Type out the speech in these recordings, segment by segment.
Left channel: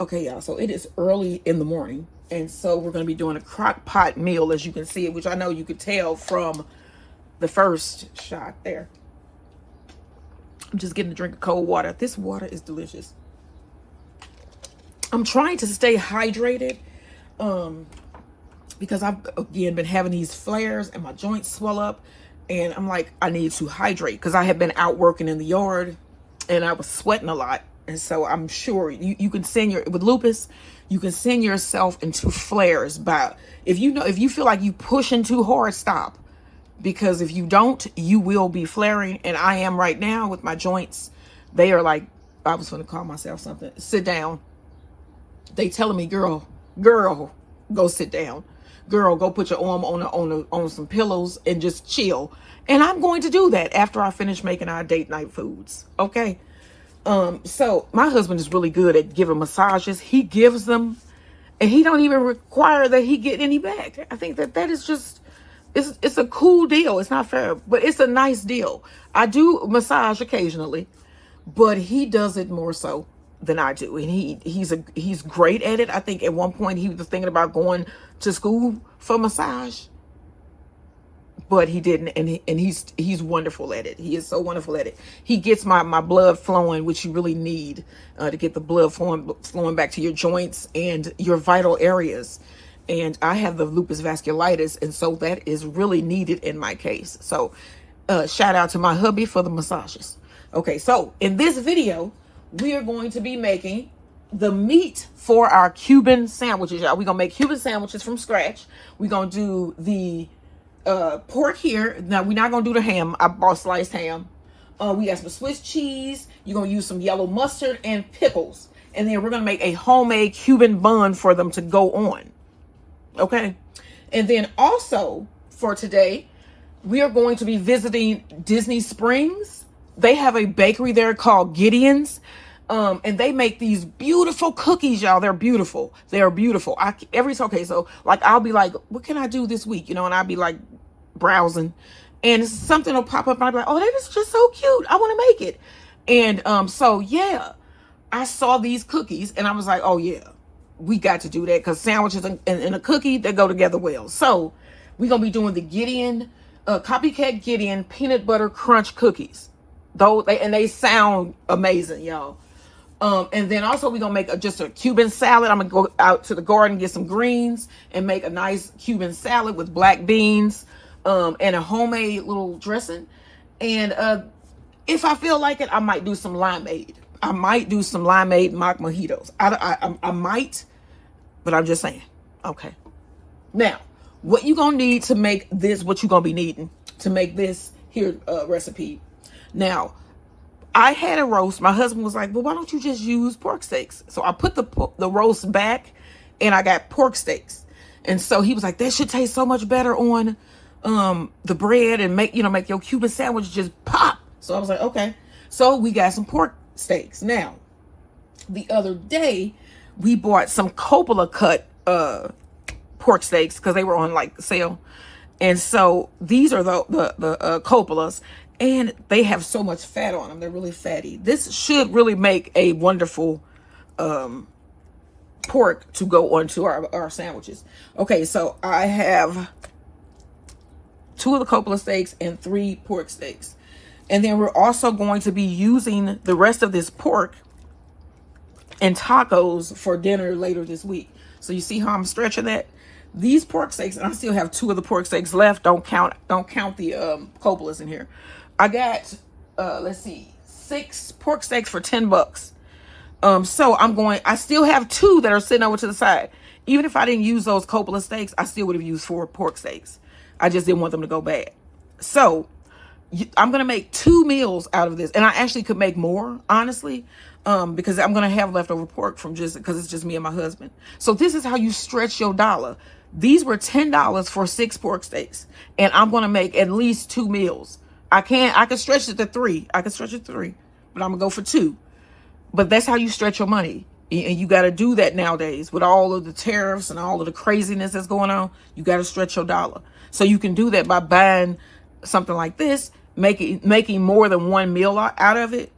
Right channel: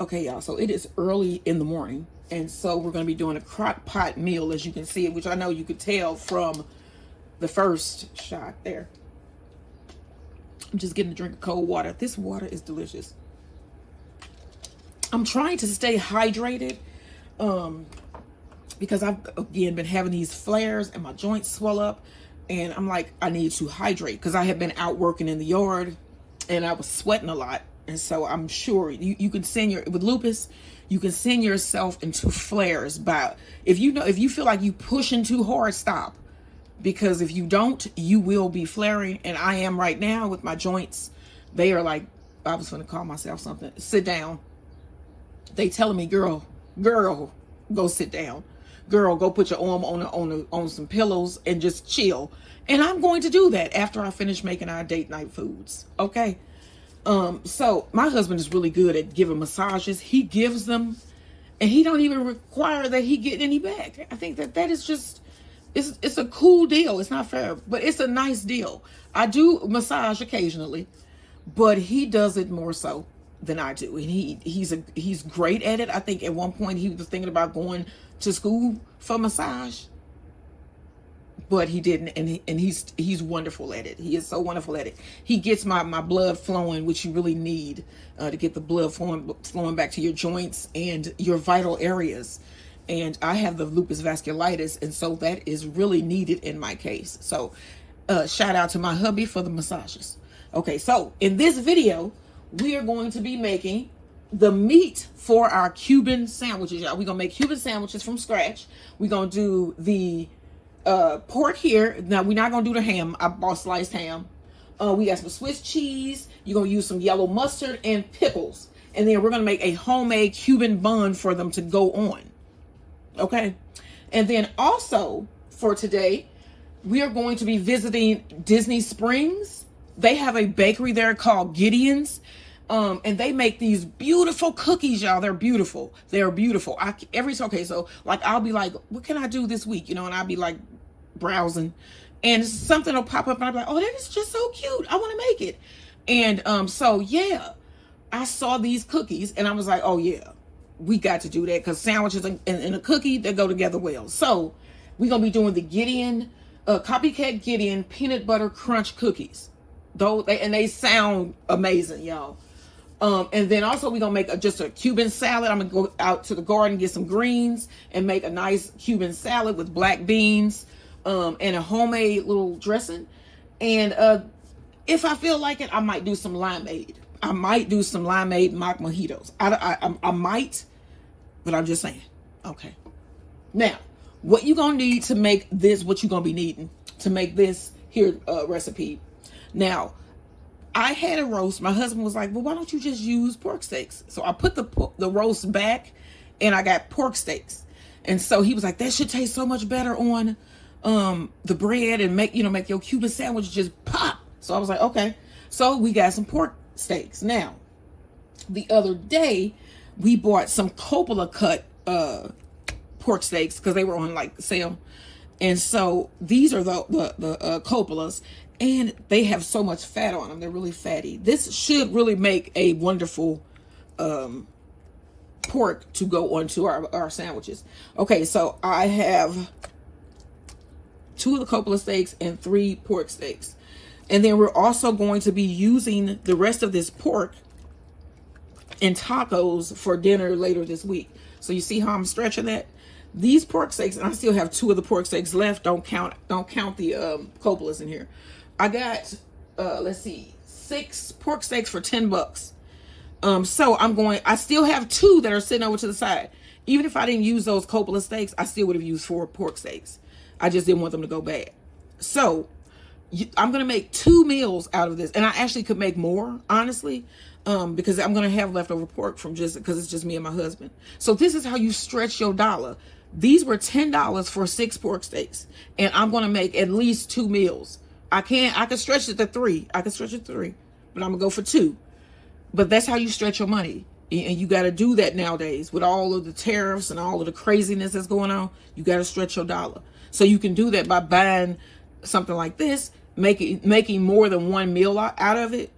Okay, y'all, so it is early in the morning, and so we're going to be doing a crock pot meal, as you can see, which I know you could tell from the first shot there. I'm just getting a drink of cold water. This water is delicious. I'm trying to stay hydrated because I've, again, been having these flares and my joints swell up, and I'm like, I need to hydrate because I had been out working in the yard and I was sweating a lot. And so I'm sure you can send with lupus, you can send yourself into flares by, if you feel like you pushing too hard, stop. Because if you don't, you will be flaring. And I am right now with my joints. They are like, I was going to call myself something. Sit down. They telling me, girl, go sit down. Girl, go put your arm on some pillows and just chill. And I'm going to do that after I finish making our date night foods. Okay. So my husband is really good at giving massages. He gives them and he don't even require that he get any back. I think that is just, it's a cool deal. It's not fair, but it's a nice deal. I do massage occasionally, but he does it more so than I do. And he's great at it. I think at one point he was thinking about going to school for massage, but he didn't, and he's wonderful at it. He is so wonderful at it. He gets my blood flowing, which you really need to get the blood flowing back to your joints and your vital areas. And I have the lupus vasculitis, and so that is really needed in my case. So shout out to my hubby for the massages. Okay, so in this video, we are going to be making the meat for our Cuban sandwiches, y'all. We're gonna make Cuban sandwiches from scratch. We're gonna do the pork here. Now we're not gonna do the ham. I bought sliced ham. We got some Swiss cheese. You're gonna use some yellow mustard and pickles, and then we're gonna make a homemade Cuban bun for them to go on. Okay, and then also for today, we are going to be visiting Disney Springs. They have a bakery there called Gideon's. And they make these beautiful cookies, y'all. They're beautiful. They're beautiful. Okay, so like I'll be like, what can I do this week? You know, and I'll be like browsing, and something will pop up, and I'll be like, oh, that is just so cute. I want to make it. And so yeah, I saw these cookies, and I was like, oh yeah, we got to do that because sandwiches and a cookie, they go together well. So we're gonna be doing the Gideon, copycat Gideon peanut butter crunch cookies. They sound amazing, y'all. And then also we're going to make just a Cuban salad. I'm going to go out to the garden, get some greens, and make a nice Cuban salad with black beans and a homemade little dressing. And if I feel like it, I might do some limeade. I might do some limeade mock mojitos. I might, but I'm just saying. Okay. Now, what you going to need to make this, what you going to be needing to make this here recipe. Now, I had a roast. My husband was like, well, why don't you just use pork steaks? So I put the roast back and I got pork steaks. And so he was like, that should taste so much better on the bread and make your Cuban sandwich just pop. So I was like, okay. So we got some pork steaks. Now, the other day we bought some Coppola cut pork steaks because they were on like sale. And so these are the Coppolas. And they have so much fat on them. They're really fatty. This should really make a wonderful pork to go onto our sandwiches. Okay, so I have 2 of the Coppola steaks and 3 pork steaks. And then we're also going to be using the rest of this pork in tacos for dinner later this week. So you see how I'm stretching that? These pork steaks, and I still have 2 of the pork steaks left. Don't count the Coppolas in here. I got, let's see, 6 pork steaks for $10. So I still have 2 that are sitting over to the side. Even if I didn't use those Coppola steaks, I still would have used 4 pork steaks. I just didn't want them to go bad. So I'm going to make 2 meals out of this. And I actually could make more, honestly, because I'm going to have leftover pork because it's just me and my husband. So this is how you stretch your dollar. These were $10 for 6 pork steaks. And I'm going to make at least 2 meals. I can stretch it to 3. I can stretch it to 3, but I'm gonna go for 2. But that's how you stretch your money. And you got to do that nowadays with all of the tariffs and all of the craziness that's going on. You got to stretch your dollar. So you can do that by buying something like this, making more than 1 meal out of it.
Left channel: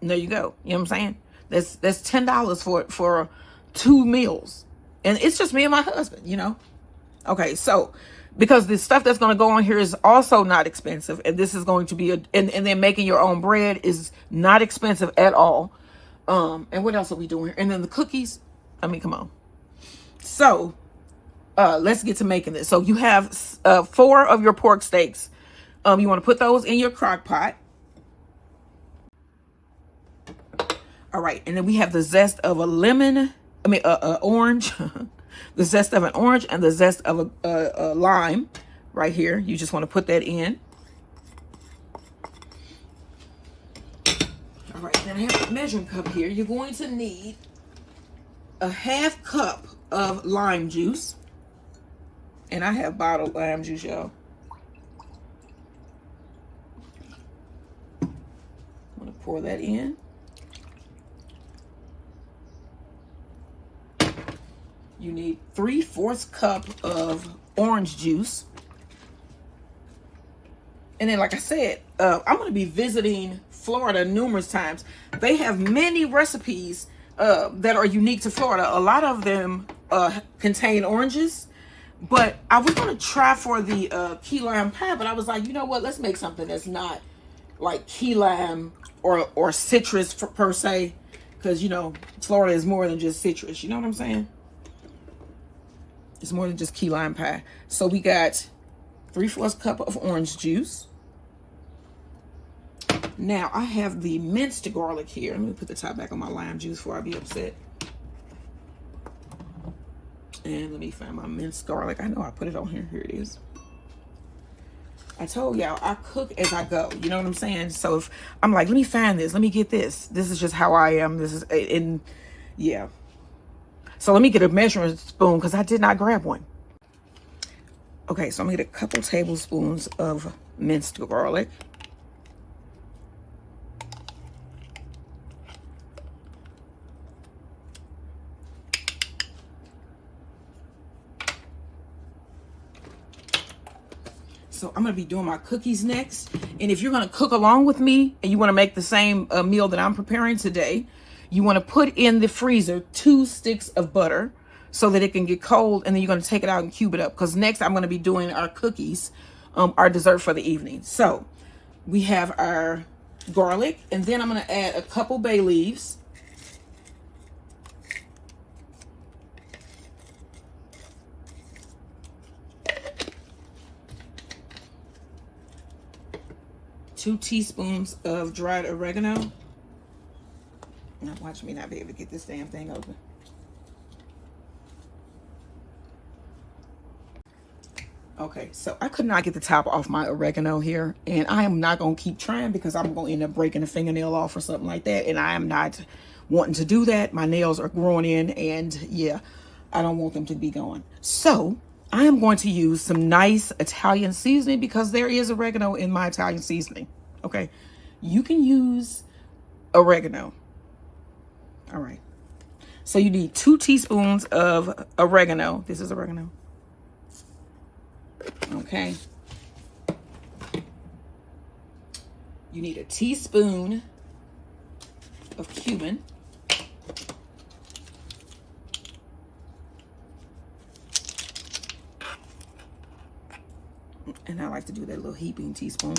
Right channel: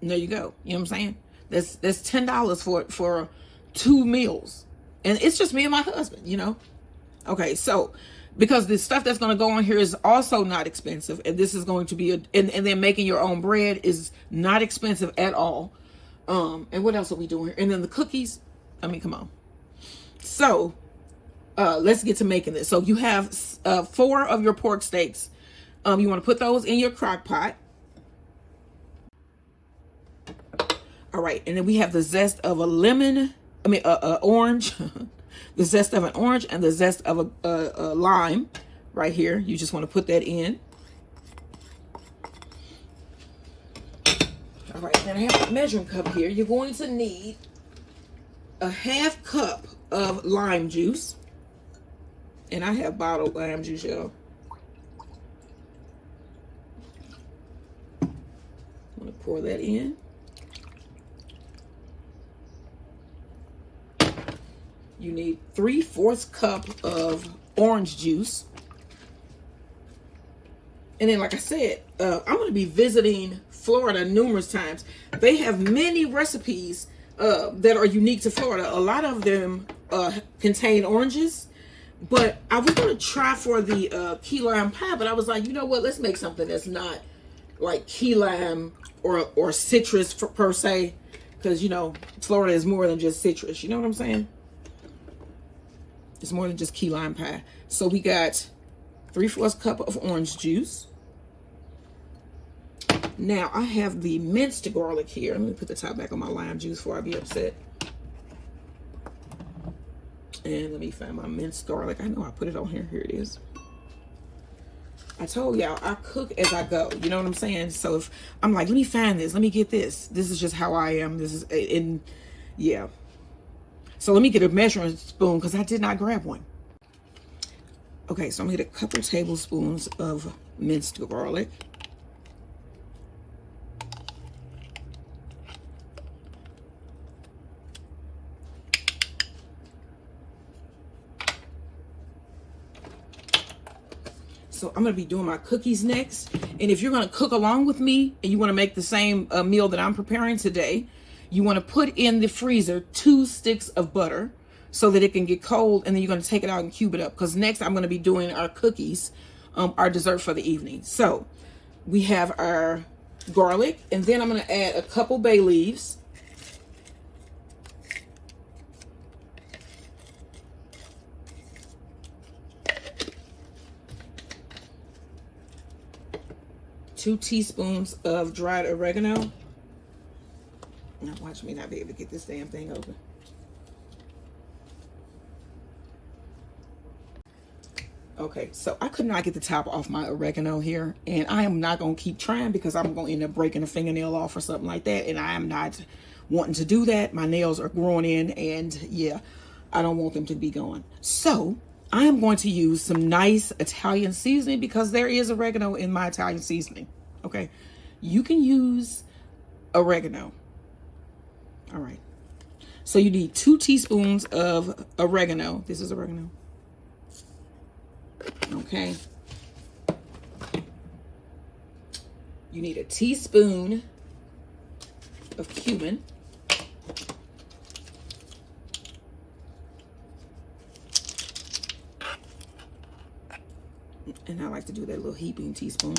And there you go. You know what I'm saying? That's $10 for 2 meals. And it's just me and my husband, you know. Okay, so because the stuff that's going to go on here is also not expensive, and this is going to be and then making your own bread is not expensive at all. And what else are we doing here? And then the cookies, I mean, come on. So let's get to making this. So you have 4 of your pork steaks. You want to put those in your crock pot. All right, and then we have the zest of a lemon, orange, the zest of an orange and the zest of a lime right here. You just want to put that in. All right, then I have a measuring cup here. You're going to need a 1/2 cup of lime juice. And I have bottled lime juice, y'all. I'm going to pour that in. You need 3/4 cup of orange juice. And then, like I said, I'm going to be visiting Florida numerous times. They have many recipes that are unique to Florida. A lot of them contain oranges. But I was going to try for the key lime pie, but I was like, you know what? Let's make something that's not like key lime or citrus per se. Because, you know, Florida is more than just citrus. You know what I'm saying? It's more than just key lime pie. So we got 3/4 cup of orange juice. Now I have the minced garlic here. Let me put the top back on my lime juice before I be upset. And let me find my minced garlic. I know I put it on here. Here it is. I told y'all I cook as I go. You know what I'm saying? So if I'm like, let me find this, let me get this. This is just how I am. This is yeah. So let me get a measuring spoon because I did not grab one. Okay, so I'm gonna get a couple tablespoons of minced garlic. So I'm going to be doing my cookies next. And if you're going to cook along with me and you want to make the same meal that I'm preparing today, you want to put in the freezer 2 sticks of butter so that it can get cold. And then you're going to take it out and cube it up. Because next I'm going to be doing our cookies, our dessert for the evening. So we have our garlic. And then I'm going to add a couple bay leaves. Two teaspoons of dried oregano. Now watch me not be able to get this damn thing open. Okay, so I could not get the top off my oregano here, and I am not going to keep trying because I'm going to end up breaking a fingernail off or something like that, and I am not wanting to do that. My nails are growing in, and yeah, I don't want them to be gone. So I am going to use some nice Italian seasoning because there is oregano in my Italian seasoning. Okay, you can use oregano. All right, so you need 2 teaspoons of oregano. This is oregano. Okay, you need a teaspoon of cumin. And I like to do that little heaping teaspoon.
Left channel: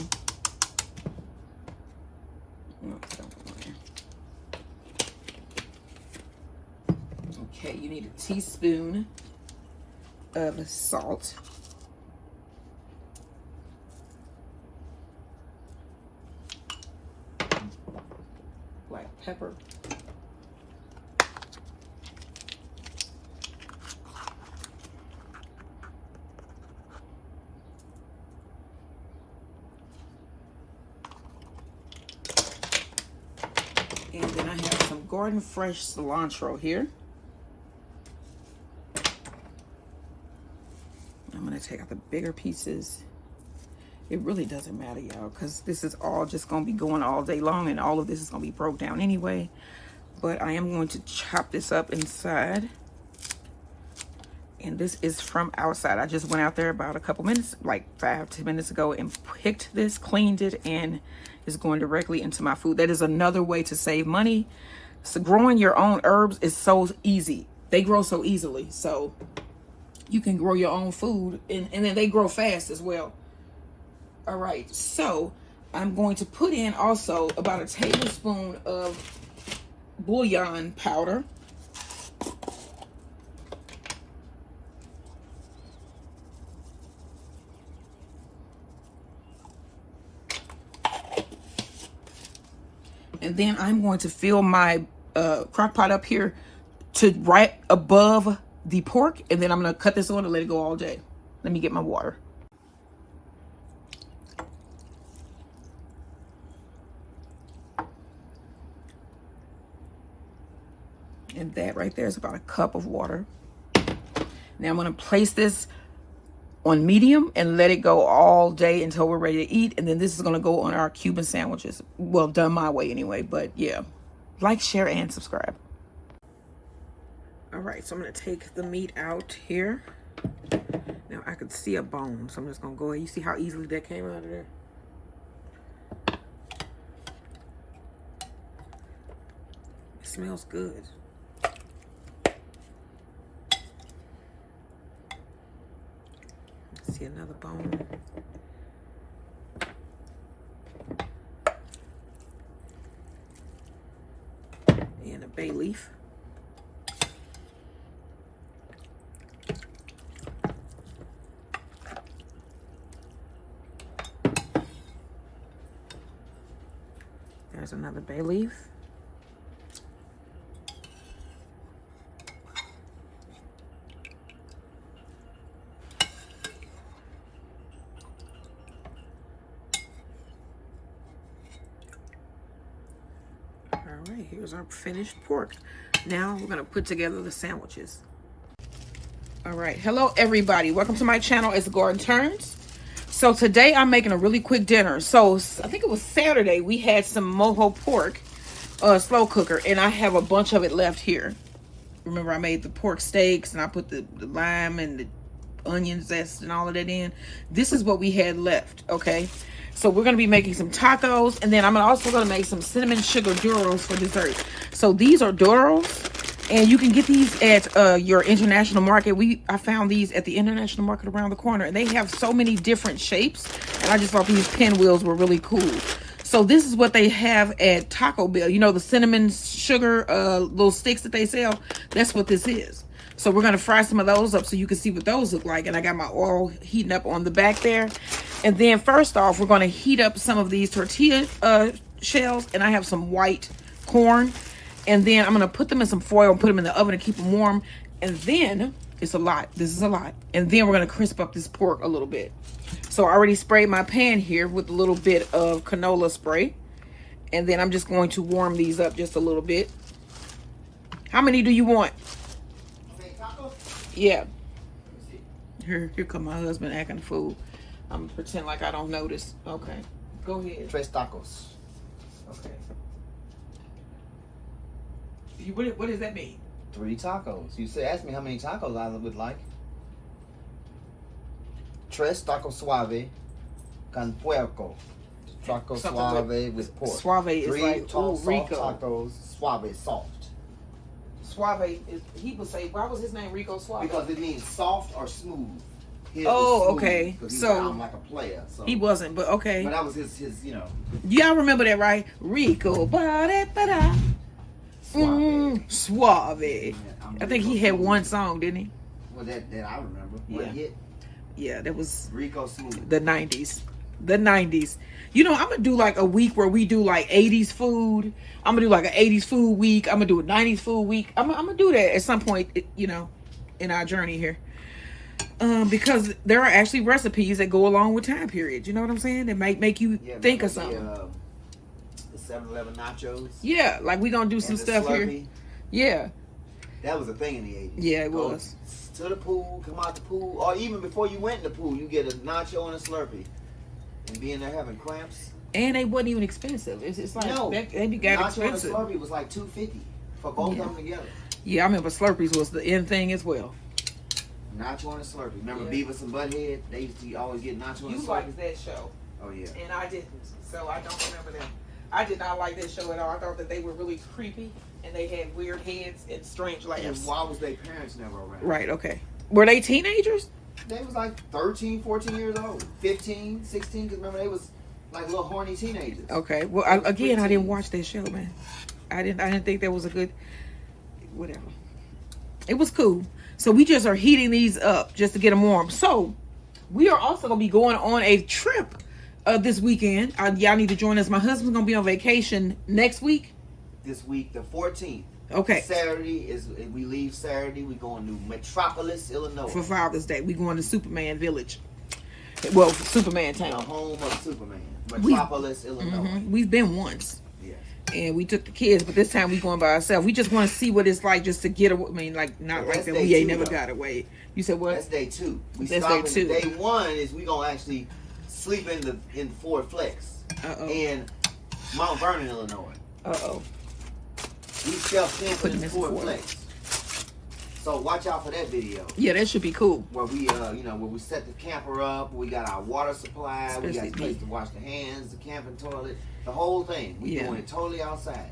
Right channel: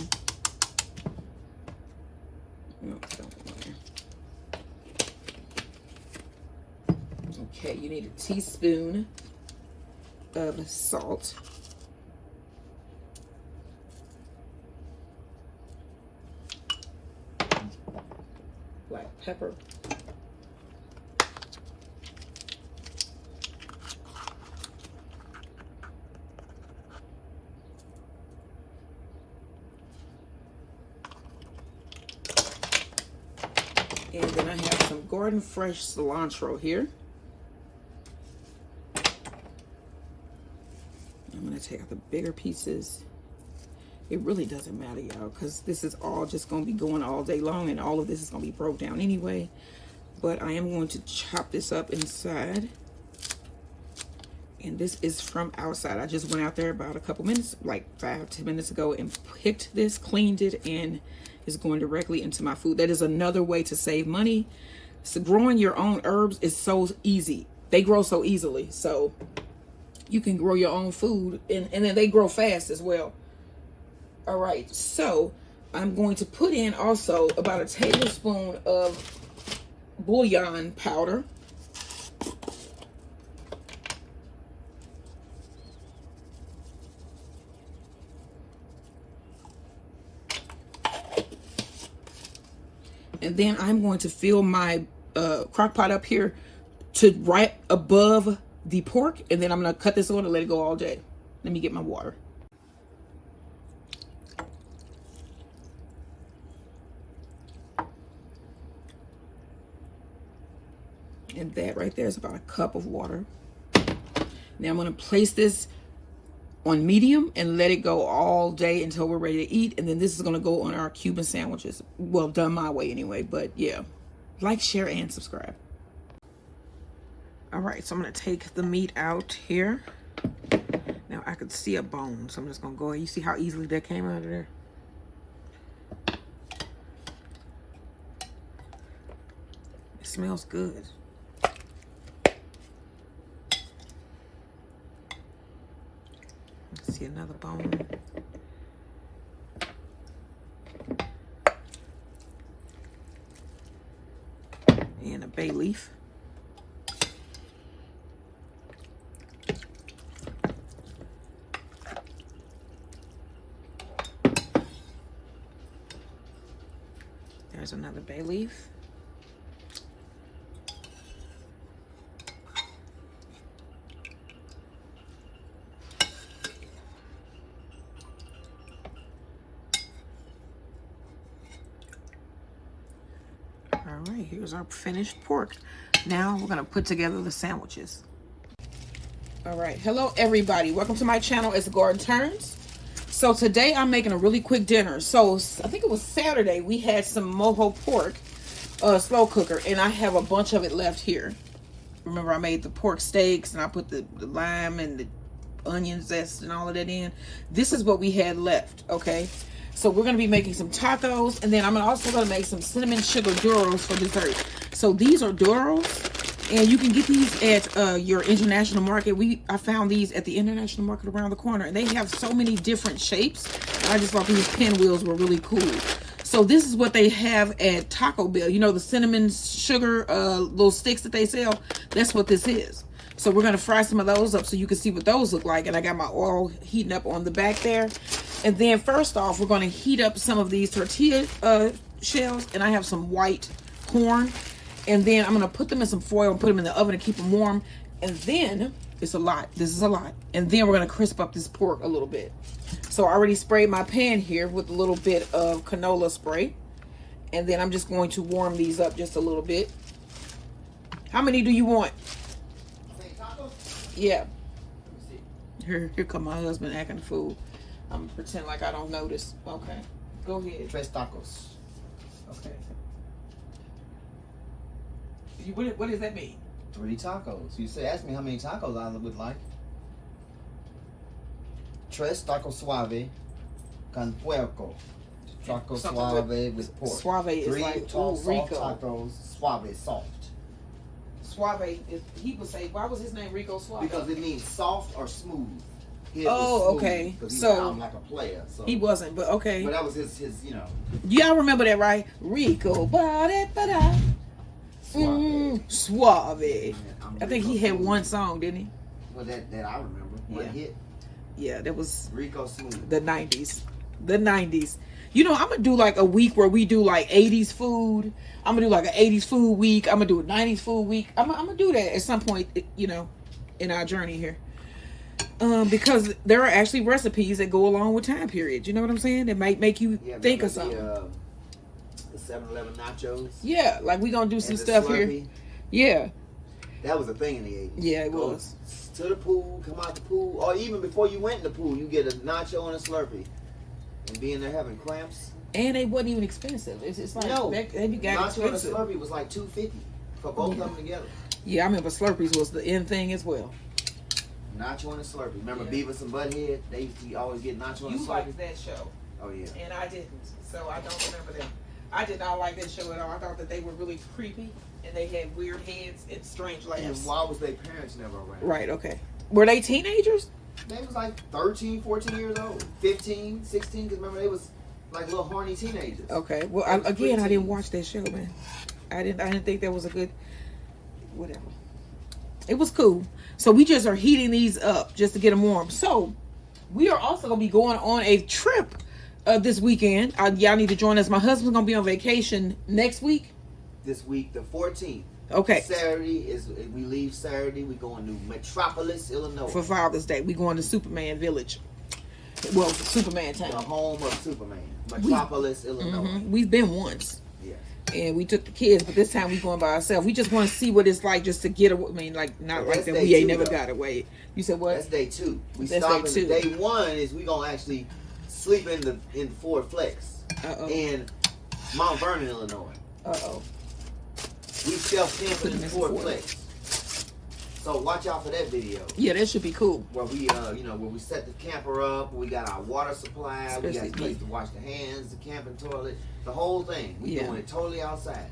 No, don't go there. Okay, you need a teaspoon of salt. Black pepper. And then I have some garden fresh cilantro here. I'm going to take out the bigger pieces. It really doesn't matter, y'all, because this is all just going to be going all day long, and all of this is going to be broke down anyway. But I am going to chop this up inside. And this is from outside. I just went out there about a couple minutes, like 5-10 minutes ago, and picked this, cleaned it, and it's going directly into my food. That is another way to save money. So growing your own herbs is so easy. They grow so easily. So you can grow your own food, and then they grow fast as well. All right, so I'm going to put in also about a tablespoon of bouillon powder. And then I'm going to fill my crock pot up here to right above the pork. And then I'm going to cut this on and let it go all day. Let me get my water. And that right there is about a cup of water. Now I'm going to place this on medium and let it go all day until we're ready to eat. And then this is going to go on our Cuban sandwiches. Well, done my way anyway, but yeah. Like, share, and subscribe. All right, so I'm going to take the meat out here. Now I could see a bone, so I'm just going to go ahead. You see how easily that came out of there? It smells good. See another bone. And a bay leaf. There's another bay leaf. All right, here's our finished pork. Now we're gonna put together the sandwiches. All right, hello everybody. Welcome to my channel. It's Garden Turns. So today I'm making a really quick dinner. So I think it was Saturday we had some Mojo pork, slow cooker, and I have a bunch of it left here. Remember I made the pork steaks and I put the lime and the onion zest and all of that in. This is what we had left, okay? So we're gonna be making some tacos, and then I'm also gonna make some cinnamon sugar duros for dessert. So these are duros, and you can get these at your international market. I found these at the international market around the corner, and they have so many different shapes, and I just thought these pinwheels were really cool. So this is what they have at Taco Bell. You know, the cinnamon sugar little sticks that they sell? That's what this is. So we're going to fry some of those up so you can see what those look like. And I got my oil heating up on the back there. And then first off, we're going to heat up some of these tortilla shells. And I have some white corn. And then I'm going to put them in some foil and put them in the oven to keep them warm. And then, it's a lot. This is a lot. And then we're going to crisp up this pork a little bit. So I already sprayed my pan here with a little bit of canola spray. And then I'm just going to warm these up just a little bit. How many do you want? Yeah. Here come my husband acting a fool. I'm gonna pretend like I don't notice. Okay. Go ahead. 3 tacos. Okay. What does that mean? 3 tacos. You asked me how many tacos I would like. 3 tacos suave con puerco. Taco suave with pork. Suave is 3 like soft Rico. tacos, suave soft. Suave is, he would say, why was his name Rico Suave? Because it means soft or smooth. His Oh, smooth, okay. He So sounded like a player. So he wasn't, but okay. But that was his, you know. Y'all remember that, right? Rico, ba-da-ba-da. Suave. Yeah, I think he had one song, didn't he? Well, that I remember. One hit. Yeah, that was Rico Smooth. the 90s. The 90s. You know, I'm going to do like a week where we do like 80s food. I'm going to do like an 80s food week. I'm going to do a 90s food week. I'm going to do that at some point, you know, in our journey here. Because there are actually recipes that go along with time periods. You know what I'm saying? That might make you think of something. The 7-Eleven nachos. Yeah, like we going to do some stuff here. Yeah. That was a thing in the 80s. Yeah, it was. To the pool, come out the pool, or even before you went in the pool, you get a nacho and a Slurpee. And being there having cramps. And they wasn't even expensive. It's like, no, they got nacho expensive. and a Slurpee was like $2.50 for both of them together. Yeah, I remember Slurpees was the end thing as well. Nacho and a Slurpee. Remember Beavis and Butthead? They used to always get nacho and a Slurpee. You liked that show. Oh, yeah. And I didn't, so I don't remember them. I did not like this show at all. I thought that they were really creepy and they had weird heads and strange laughs. And why was their parents never around? Right, okay. Were they teenagers? They was like 13, 14 years old. 15, 16, because remember they was like little horny teenagers. Okay. Well, I didn't watch that show, man. I didn't think that was a good, whatever. It was cool. So we just are heating these up just to get them warm. So we are also going to be going on a trip this weekend. Y'all need to join us. My husband's going to be on vacation next week. This week, the 14th. Okay. Saturday we leave Saturday. We going to Metropolis, Illinois. For Father's Day. We going to Superman Village. Well, Superman Town. The home of Superman. Metropolis, Illinois. Mm-hmm. We've been once. Yeah. And we took the kids, but this time we going by ourselves. We just want to see what it's like just to get away. I mean, like, not like that we ain't never got away. You said what? That's day 2. That's day 2. Day 1 is we going to actually sleep in Ford Flex. In Mount Vernon, Illinois. We self-camping in Ford Flex. So watch out for that video. Yeah, that should be cool. Where we, where we set the camper up, we got our water supply, we got a place to wash the hands, the camping toilet, the whole thing. We doing it totally outside.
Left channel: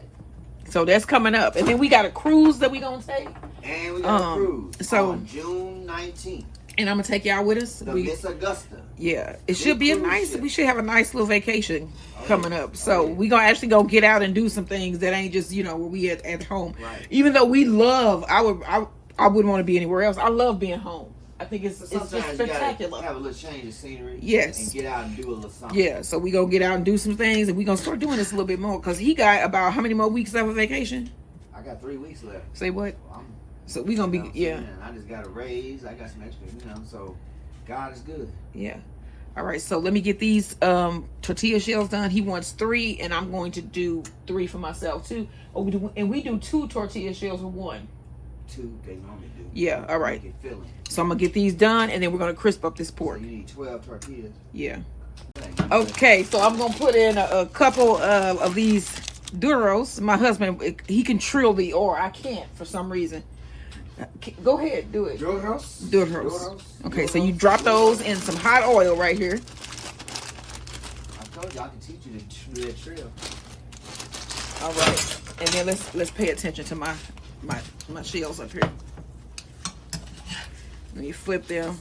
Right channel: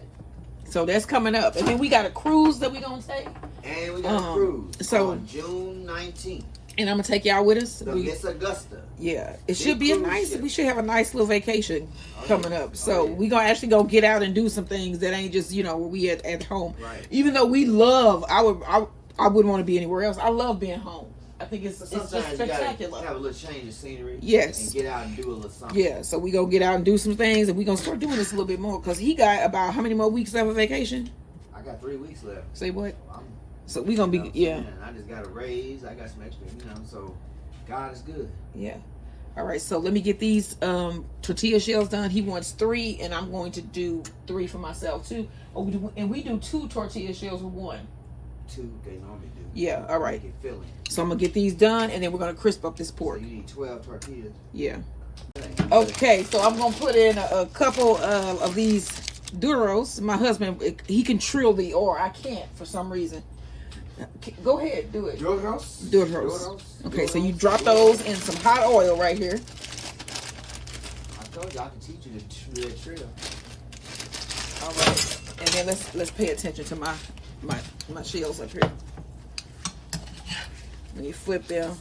So that's coming up, and then we got a cruise that we gonna take. And we got a cruise on June 19th. And I'm gonna take y'all with us. Miss Augusta. Yeah, it should be a nice. We should have a nice little vacation coming up. So we gonna actually go get out and do some things that ain't just where we at home. Right. Even though we love, I wouldn't want to be anywhere else. I love being home. I think it's just spectacular. You gotta have a little change of scenery. Yes. And get out and do a little something. Yeah. So we gonna get out and do some things, and we gonna start doing this a little bit more because he got about how many more weeks left of vacation? I got 3 weeks left. Say what? So we gonna be I just got a raise. I got some extra. So God is good. Yeah. All right. So let me get these tortilla shells done. He wants 3, and I'm going to do 3 for myself too. We do 2 tortilla shells with 1. 2 they normally do. Yeah. All right. Filling. So I'm gonna get these done, and then we're gonna crisp up this pork. So you need 12 tortillas. Yeah. Okay. So I'm gonna put in a couple of these Duros. My husband, he can trill the or I can't for some reason. Go ahead, do it. Duros. Okay, so you drop those in some hot oil right here. I told you I can teach you to do that trill. All right, and then let's pay attention to my shells up here. When you flip them,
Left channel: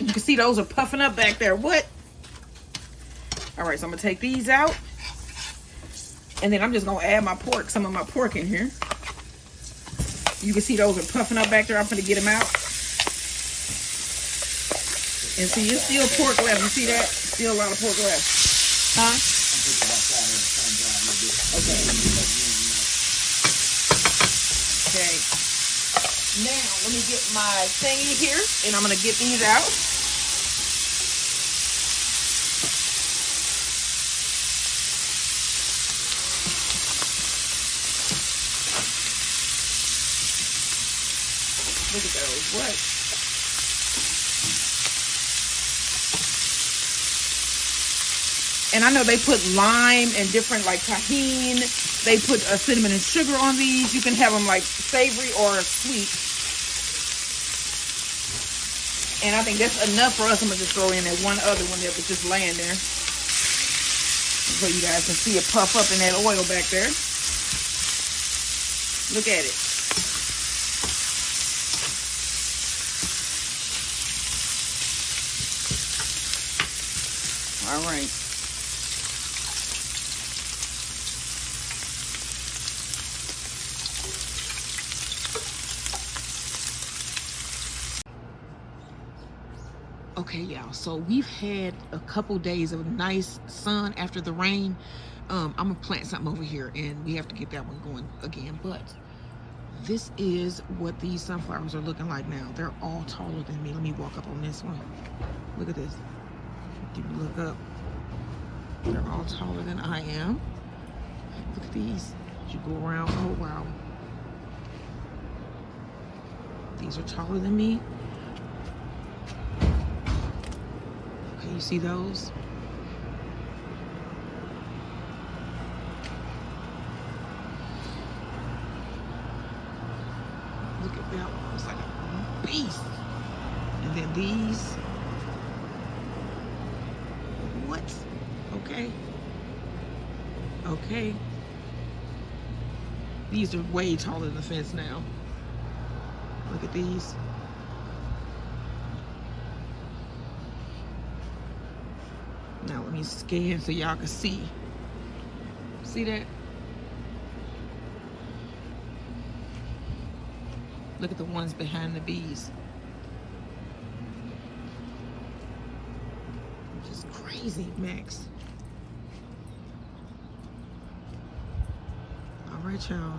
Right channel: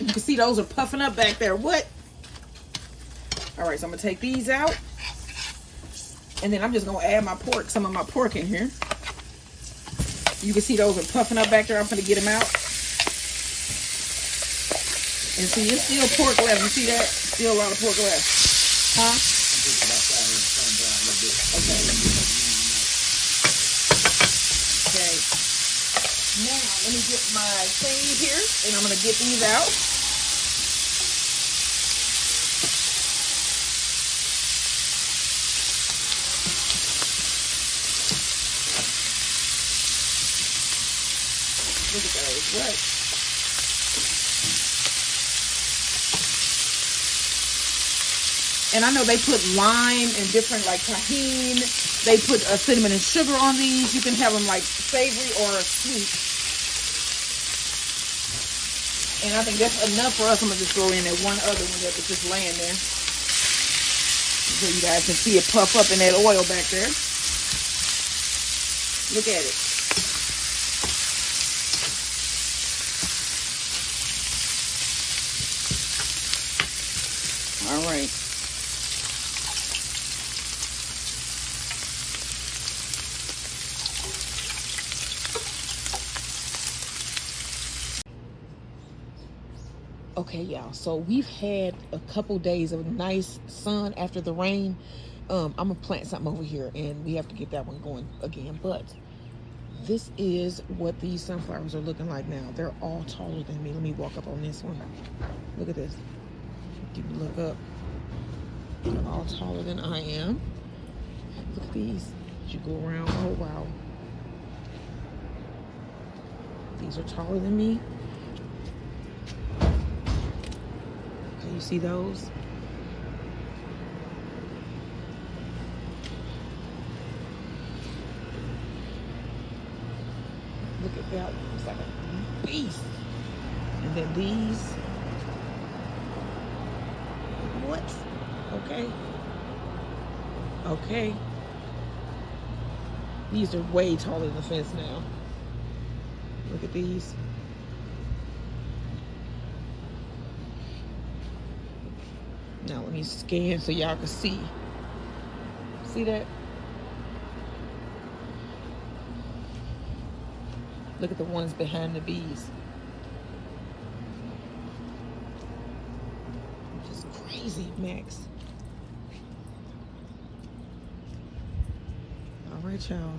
you can see those are puffing up back there. What? All right, so I'm gonna take these out, and then I'm just gonna add some of my pork in here. You can see those are puffing up back there. I'm going to get them out. And see, it's still pork left. You see that? Still a lot of pork left. Huh? Okay. Now, let me get my thingy here. And I'm going to get these out. Look at those. What? And I know they put lime and different like tahini. They put cinnamon and sugar on these. You can have them like savory or sweet. And I think that's enough for us. I'm going to just throw in that one other one that was just laying there. So you guys can see it puff up in that oil back there. Look at it. All right. Okay, y'all. So we've had a couple days of nice sun after the rain. I'm gonna plant something over here, and we have to get that one going again. But this is what these sunflowers are looking like now. They're all taller than me. Let me walk up on this one. Look at this. If you look up, they're all taller than I am. Look at these. You go around. Oh wow. These are taller than me. Okay, you see those? Look at that one. It's like a beast. And then these. What? Okay. Okay. These are way taller than the fence now. Look at these. Now let me scan so y'all can see. See that? Look at the ones behind the bees. Just crazy, Max. All right, y'all.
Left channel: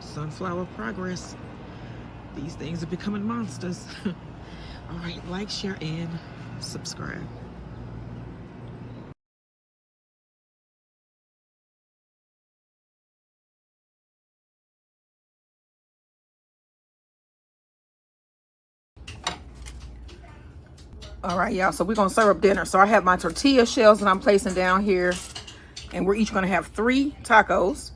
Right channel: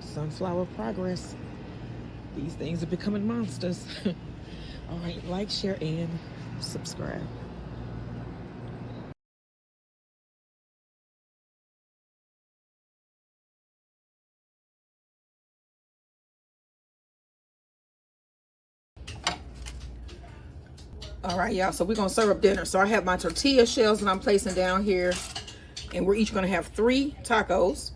Sunflower progress. These things are becoming monsters. All right, like, share, and subscribe. All right, y'all, so we're gonna serve dinner. So I have my tortilla shells that I'm placing down here, and we're each gonna have 3 tacos.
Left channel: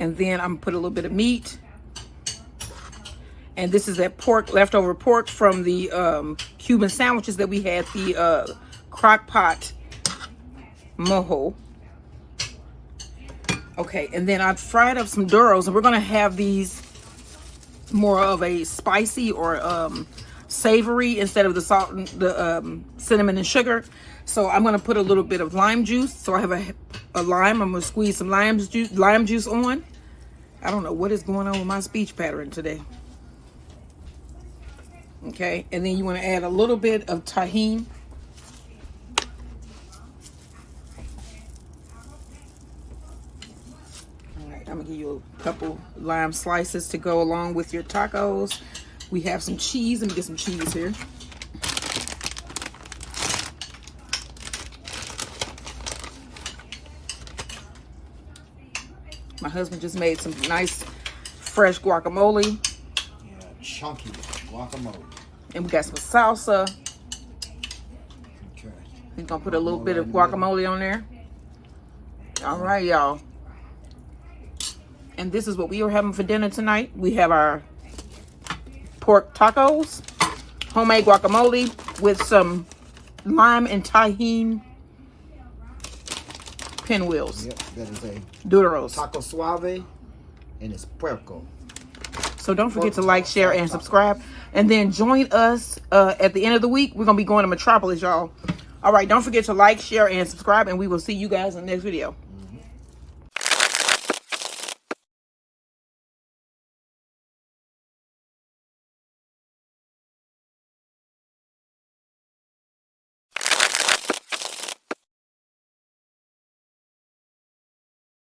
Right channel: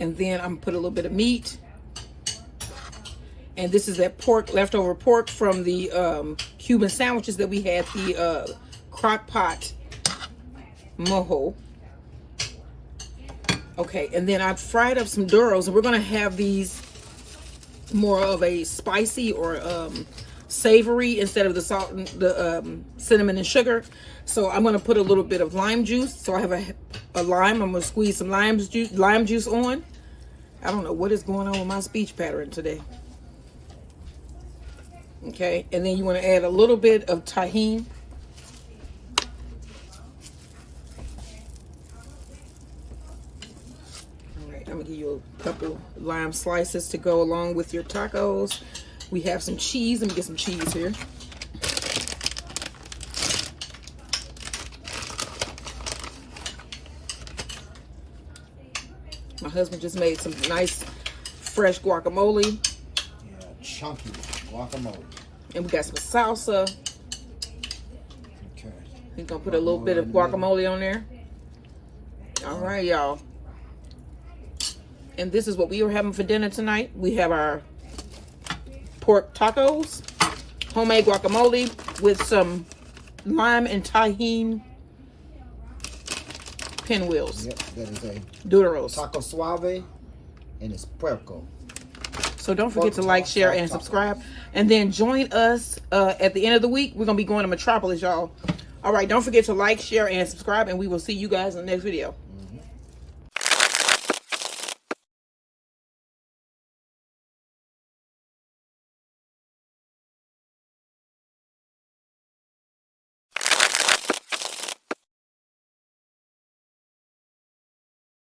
And then I'm gonna put a little bit of meat. And this is that pork, leftover pork from the Cuban sandwiches that we had, the crock pot Mojo. Okay, and then I fried up some Duros, and we're gonna have these more of a spicy or savory instead of the salt and the cinnamon and sugar. So I'm gonna put a little bit of lime juice. So I have a lime. I'm gonna squeeze some lime juice on. I don't know what is going on with my speech pattern today. Okay, and then you want to add a little bit of Tajin. All right, I'm gonna give you a couple lime slices to go along with your tacos. We have some cheese. Let me get some cheese here. My husband just made some nice fresh guacamole. Yeah, chunky guacamole. And we got some salsa. Okay. He's gonna put a little bit of guacamole on there. All right, y'all. And this is what we are having for dinner tonight. We have our pork tacos, homemade guacamole with some lime and Tajin pinwheels. Yep, that is a Duros. taco suave, and it's puerco. So don't forget to like, share, and subscribe. And then join us at the end of the week. We're going to be going to Metropolis, y'all. All right, don't forget to like, share, and subscribe. And we will see you guys in the next video.